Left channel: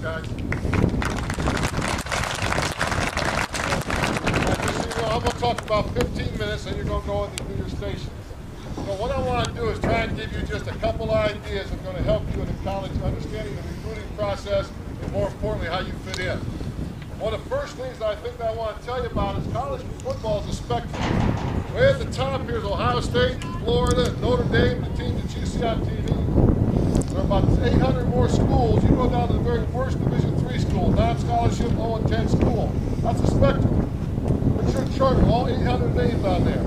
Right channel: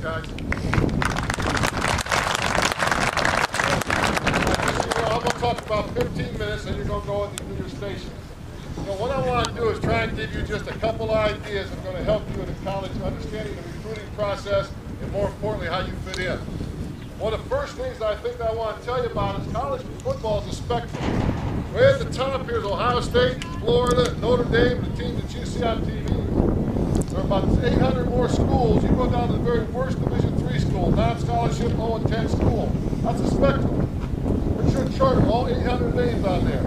Thanks, guys. I'm going to talk about 15 minutes, and you're going to go into your station. So what I want to do is try and give you just a couple ideas that's going to help you in the college understanding the recruiting process, and more importantly, how you fit in. One of the first things I think I want to tell you about is college football is a spectrum. Way at the top here is Ohio State, Florida, Notre Dame, the teams that you see on TV. There are about 800 more schools. You go down to the very worst Division III school, non-scholarship, 0-10 school. That's a spectrum. Put your chart with all 800 names on there.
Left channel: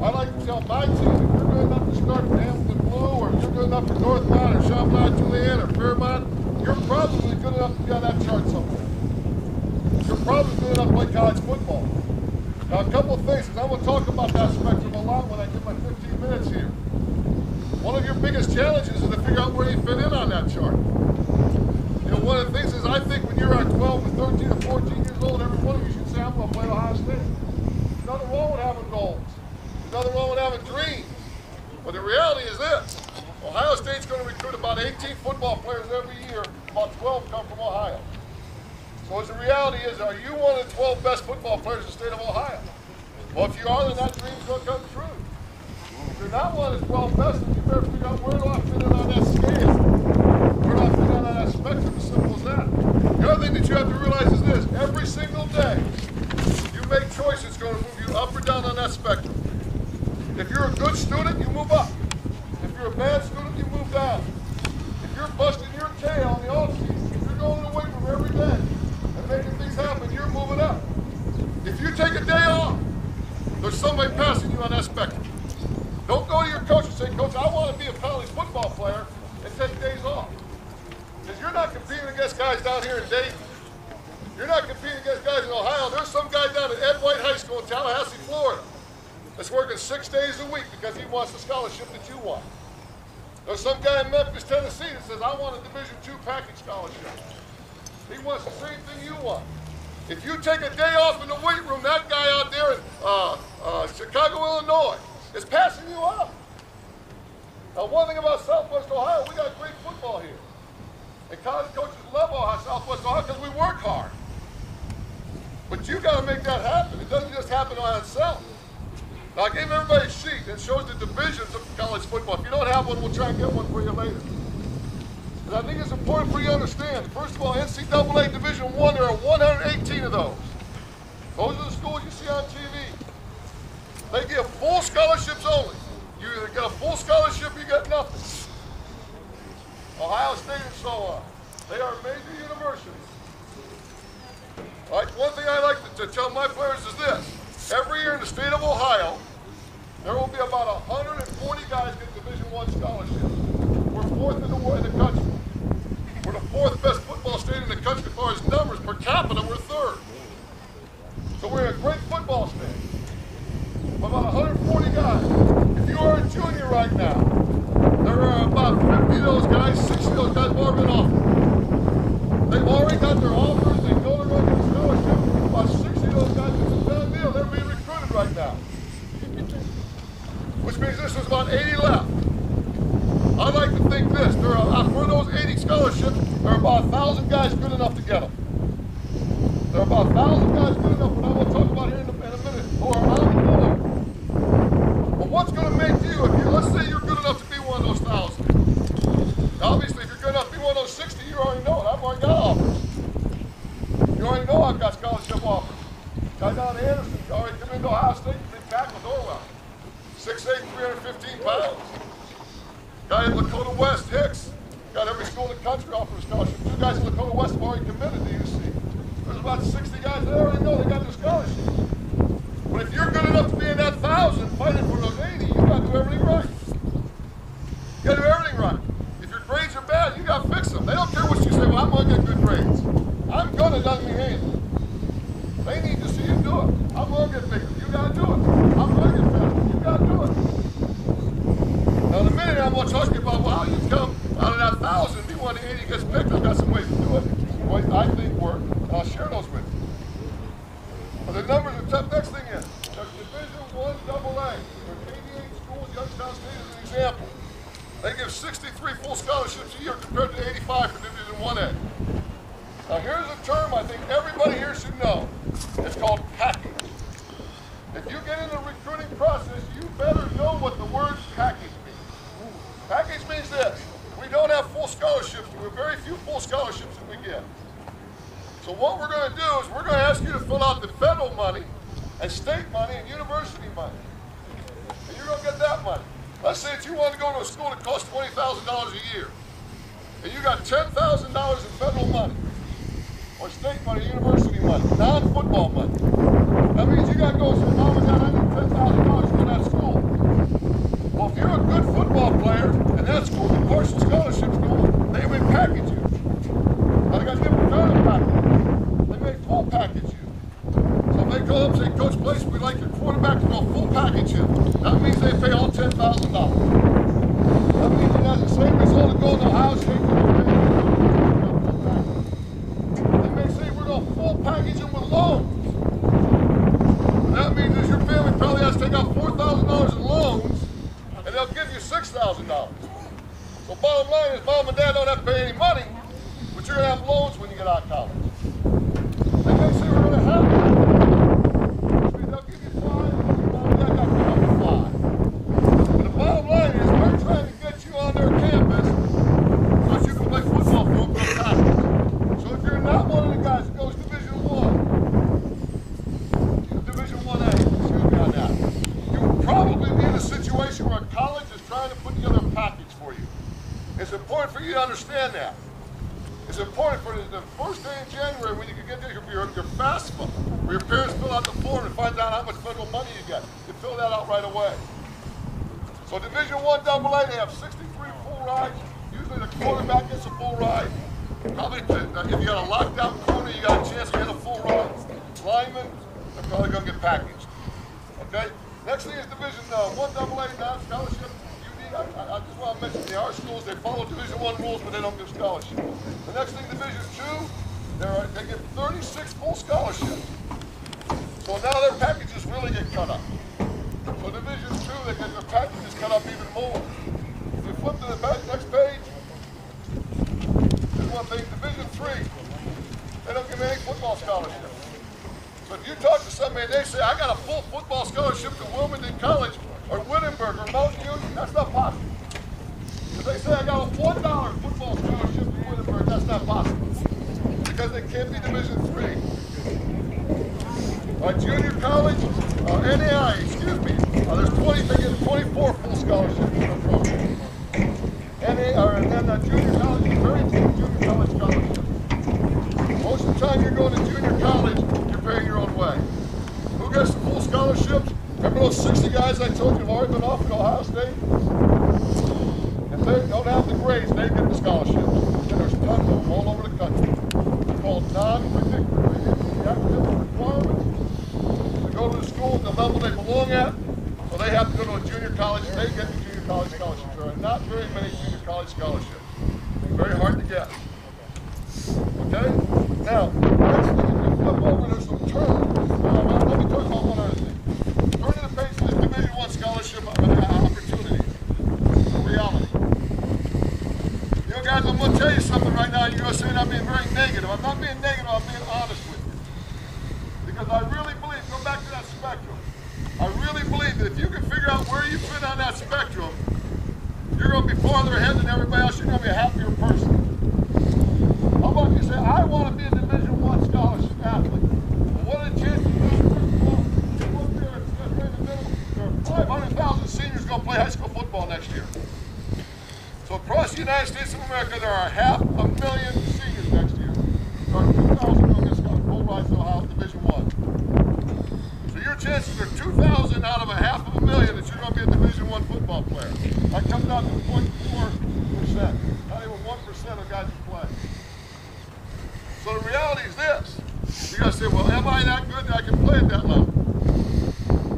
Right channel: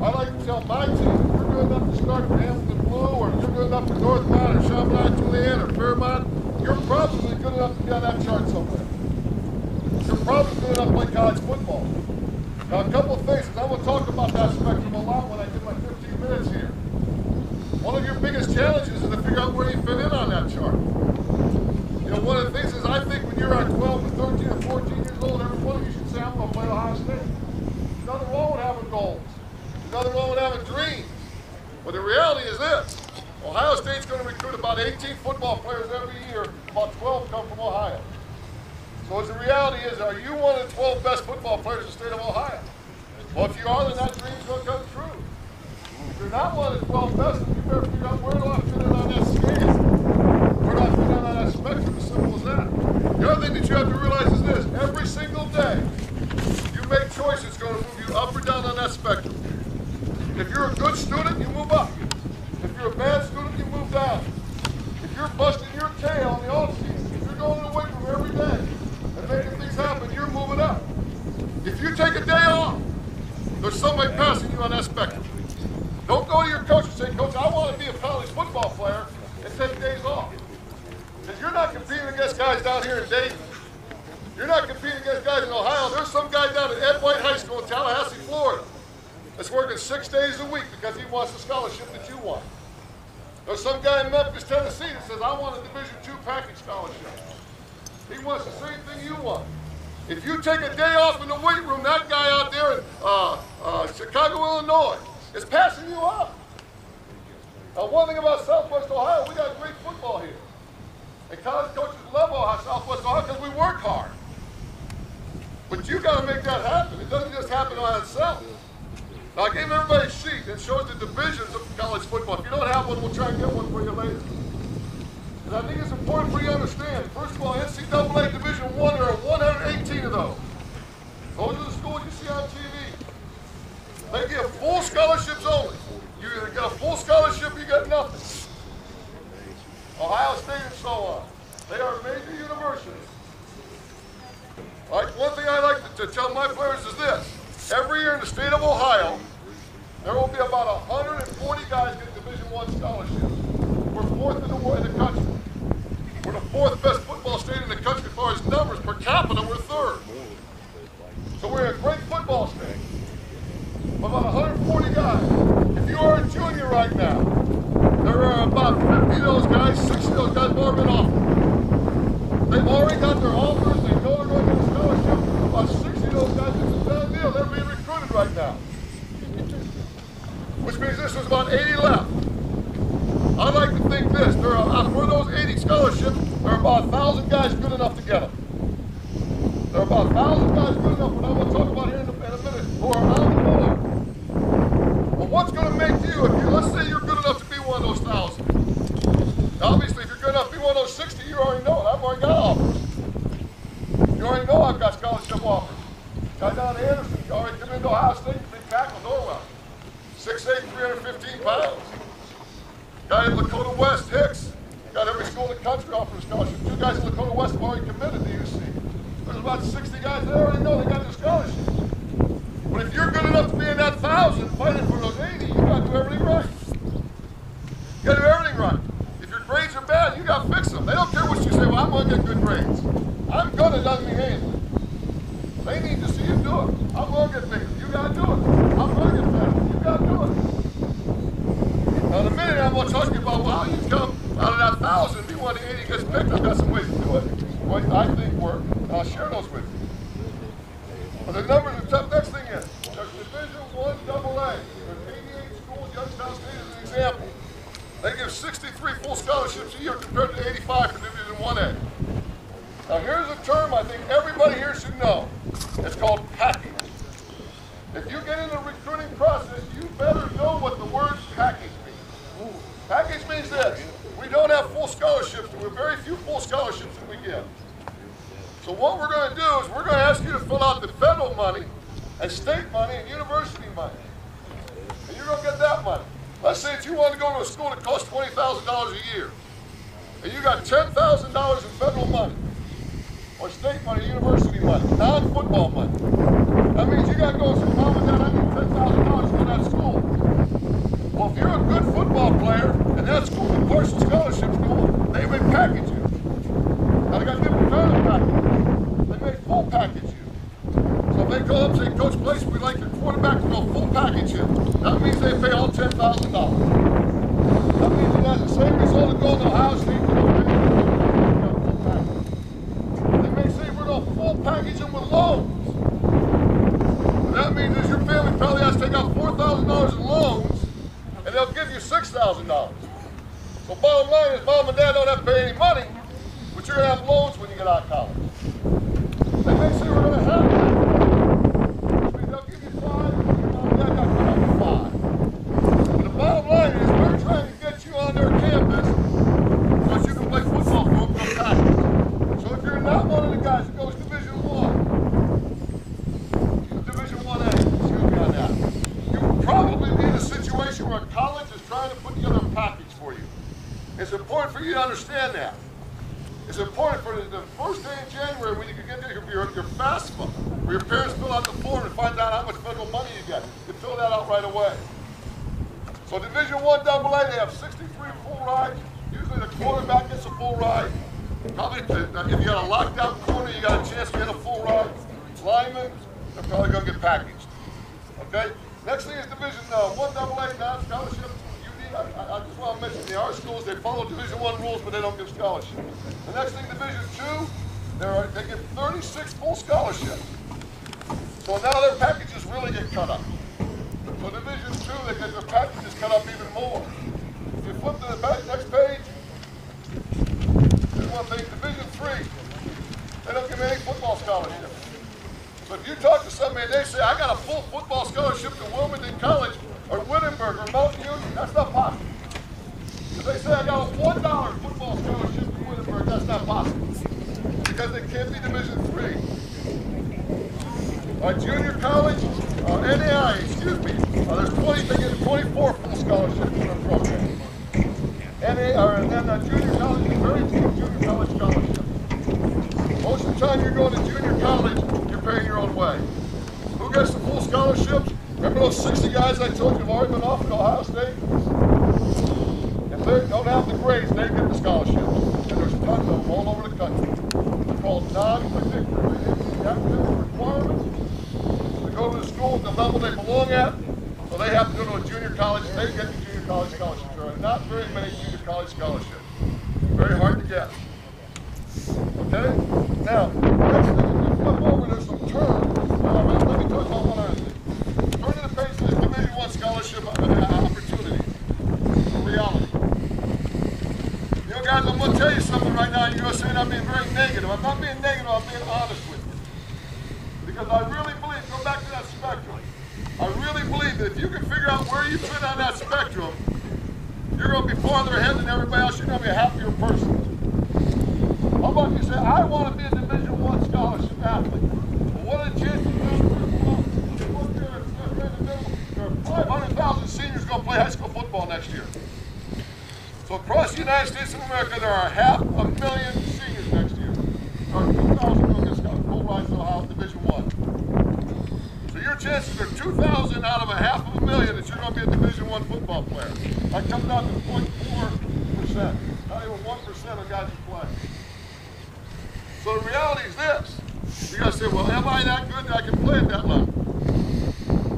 I like to tell my team, if you're good enough to start for Hamilton Blue, or you're good enough for Northmont, or Chaminade Julienne, or Fairmont, you're probably good enough to be on that chart somewhere. You're probably good enough to play college football. Now, a couple of things, and I'm going to talk about that spectrum a lot when I give my 15 minutes here. One of your biggest challenges is to figure out where you fit in on that chart. You know, one of the things is I think when you're at 12 or 13 or 14 years old, every one of you should say, I'm going to play Ohio State. There's nothing wrong with having goals. There's nothing wrong with having dreams. But the reality is this. Ohio State's going to recruit about 18 football players every year. About 12 come from Ohio. So the reality is, are you one of the 12 best football players in the state of Ohio? Well, if you are, then that dream's going to come true. If you're not one of the 12 best, then you better figure out where do I fit in on that scale? Where do I fit in on that spectrum? As simple as that. The other thing that you have to realize is this. Every single day, you make choices going to move you up or down on that spectrum. If you're a good student, you move up. If you're a bad student, you move down. If you're busting your tail in the off-season, if you're going to the weight room every day and making things happen, you're moving up. If you take a day off, there's somebody passing you on that spectrum. Don't go to your coach and say, Coach, I want to be a college football player and take days off. Because you're not competing against guys down here in Dayton. You're not competing against guys in Ohio. There's some guy down at Ed White High School in Tallahassee, Florida, that's working 6 days a week because he wants the scholarship that you want. There's some guy in Memphis, Tennessee that says, I want a Division II package scholarship. He wants the same thing you want. If you take a day off in the weight room, that guy out there in Chicago, Illinois, is passing you up. Now, one thing about Southwest Ohio, we got great football here. And college coaches love Southwest Ohio because we work hard. But you got to make that happen. It doesn't just happen on itself. Now, I gave everybody a sheet that shows the divisions of college football. If you don't have one, we'll try and get one for you later. And I think it's important for you to understand. First of all, NCAA Division I, there are 118 of those. Those are the schools you see on TV. They give full scholarships only. You either get a full scholarship or you get nothing. Ohio State and so on. They are major universities. All right, one thing I like to tell my players is this. Every year in the state of Ohio, there will be about 140 guys get Division I scholarships. We're fourth in the country. We're the fourth best football state in the country as far as numbers. Per capita, we're third. So we're a great football state. About 140 guys. If you are a junior right now, there are about 50 of those guys, 60 of those guys have already been offered. They've already got their offers. They know they're going to get a scholarship. About 60 of those guys, it's a done deal. They're being recruited right now. Which means this is about 80 left. I like to think this. There are, for those 80 scholarships, there are about 1,000 guys good enough to get them. There are about 1,000 guys good enough, what I'm going to talk about here in a minute, who are on the board. Well, what's going to make you, let's say you're good enough to be one of those 1,000. Now, obviously, if you're good enough to be one of those 60, you already know it. I've already got offers. You already know I've got scholarship offers. Guy down in Anderson, already come into Ohio State, big tackle, Norwell. 6'8", 315 pounds. Guy in Lakota West, Hicks, got every school in the country offering a scholarship. 2 guys in Lakota West have already committed to UC. There's about 60 guys that already know they got their scholarships. But if you're good enough to be in that 1,000 fighting for those 80, you got to do everything right. You got to do everything right. If your grades are bad, you got to fix them. They don't care what you say, well, I'm going to get good grades. I'm going to doesn't mean anything. They need to see you do it. I'm going to get bigger. You got to do it. I'm going to get faster. You got to do it. Now, in a minute, I'm going to talk to you about, well, how you come out of that 1,000, be one of the 80 gets picked. I've got some ways to do it. Ways I think work, and I'll share those with you. But the numbers are tough. Next thing is, there's Division I AA. There's 88 schools, Youngstown State is an example. They give 63 full scholarships a year compared to 85 for Division 1A. Now here's a term I think everybody here should know. It's called package. If you get in the recruiting process, you better know what the word package means. Package means this. We don't have full scholarships. We have very few full scholarships that we give. So what we're going to do is we're going to ask you to fill out the federal money and state money and university money. And you're going to get that money. Let's say that you want to go to a school that costs $20,000 a year. And you got $10,000 in federal money, or state money, university money, non-football money. That means you got to go and say, Mom and Dad, I need $10,000 to go to that school. Well, if you're a good football player, and that school's a partial scholarship school, they may package you. Now, they got different kind of package. They may full package you. So if they call up and say, Coach Place, we like your quarterback, we're going to full package him. That means they pay all $10,000. That means it has the same result of going to Ohio State, you don't pay anything. You got full package. They may say, we're going to full package him with loans. What that means is your family probably has to take out $4,000 in loans, and they'll give you $6,000. So bottom line is, Mom and Dad don't have to pay any money, but you're going to have loans when you get out of college. They may say we're going to have package, which means they'll give you 5, and your Mom and Dad got to come up with 5. But the bottom line is, we're trying to get you on their campus so that you can play football for them for a package. So if you're not one of the guys that goes Division I, Division 1A, excuse me on that, you will probably be in a situation where a college is trying to put together a package for you. It's important for you to understand that. It's important for the first day in January when you can get your FAFSA, where your parents fill out the form and find out how much federal money you get. You fill that out right away. So Division I AA, they have 63 full rides. Usually the quarterback gets a full ride. Probably if you got a lockdown corner, you got a chance to get a full ride. Linemen, they're probably going to get packaged. Okay? Next thing is Division I AA, non-scholarship. I just want to mention the art schools, they follow Division I rules, but they don't give scholarships. The next thing, Division II, they give 36 full scholarships. So now their packages really get cut up. So Division II, they get their packages cut up even more. If you flip to the next page, there's one thing, Division III, they don't give any football scholarships. So if you talk to somebody and they say, I got a full football scholarship to Wilmington College, or Wittenberg, or Mountain Union, that's not possible. If they say I got a $1 football scholarship to Wittenberg, that's not possible. Because they can't be Division III. Junior college, NAI, excuse me, they get 24 full scholarships in their program. And then junior college is very few junior college scholarships. Most of the time you're going to junior college, you're paying your own way. Who gets the full scholarships? Remember those 60 guys I told you have already been offered at Ohio State? If they don't have the grades, they get the scholarships. And there's tons of them all over the country. They're called non-predictors. They hit the academic requirements to go to the school at the level they belong at. So they have to go to a junior college. They get the junior college scholarships. There are not very many junior college scholarships. Very hard to get. Okay? Now, next thing, if you flip over, there's some terms. Well, let me talk about one other thing. Turn to the page for this Division I scholarship opportunity for reality. You know, guys, I'm going to tell you something right now. You're going to say I'm being very negative. I'm not being negative. I'm being honest with you. Because I really believe, go back to that spectrum. I really believe that if you can figure out where you fit on that spectrum, you're going to be farther ahead than everybody else. You're going to be a happier person. How about you say, I want to be a Division I scholarship athlete? Well, what are the chances of that? First of all, look there, right in the middle, there are 500,000 seniors going to play high school football next year. So across the United States of America, there are 500,000 seniors next year. There are 2,000 going to get full rides to Ohio Division I. So your chances are 2,000 out of 500,000 that you're going to be a Division I football player. That comes out to 0.4%. Not even 1% of guys who play. So the reality is this. You got to say, well, am I that good that I can play at that level?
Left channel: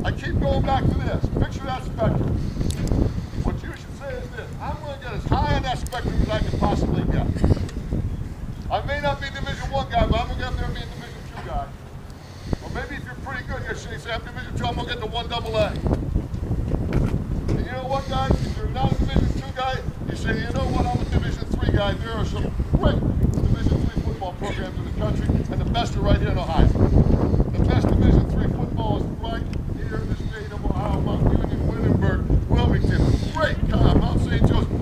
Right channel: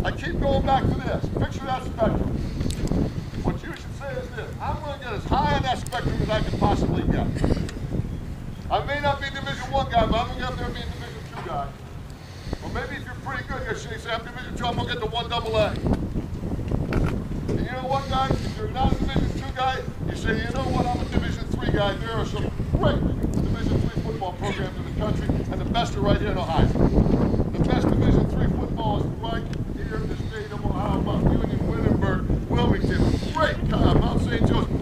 I keep going back to this. Picture that spectrum. What you should say is this. I'm going to get as high on that spectrum as I can possibly get. I may not be a Division I guy, but I'm going to get up there and be a Division II guy. Or maybe if you're pretty good, you say, I'm Division II, I'm going to get to 1 AA. And you know what, guys? If you're not a Division II guy, you say, you know what, I'm a Division III guy. There are some great Division III football football programs in the country, and the best are right here in Ohio. The best Division III football is right here in the state of Ohio, Mount Union, Wittenberg, Wilmington, Mount St. Joseph.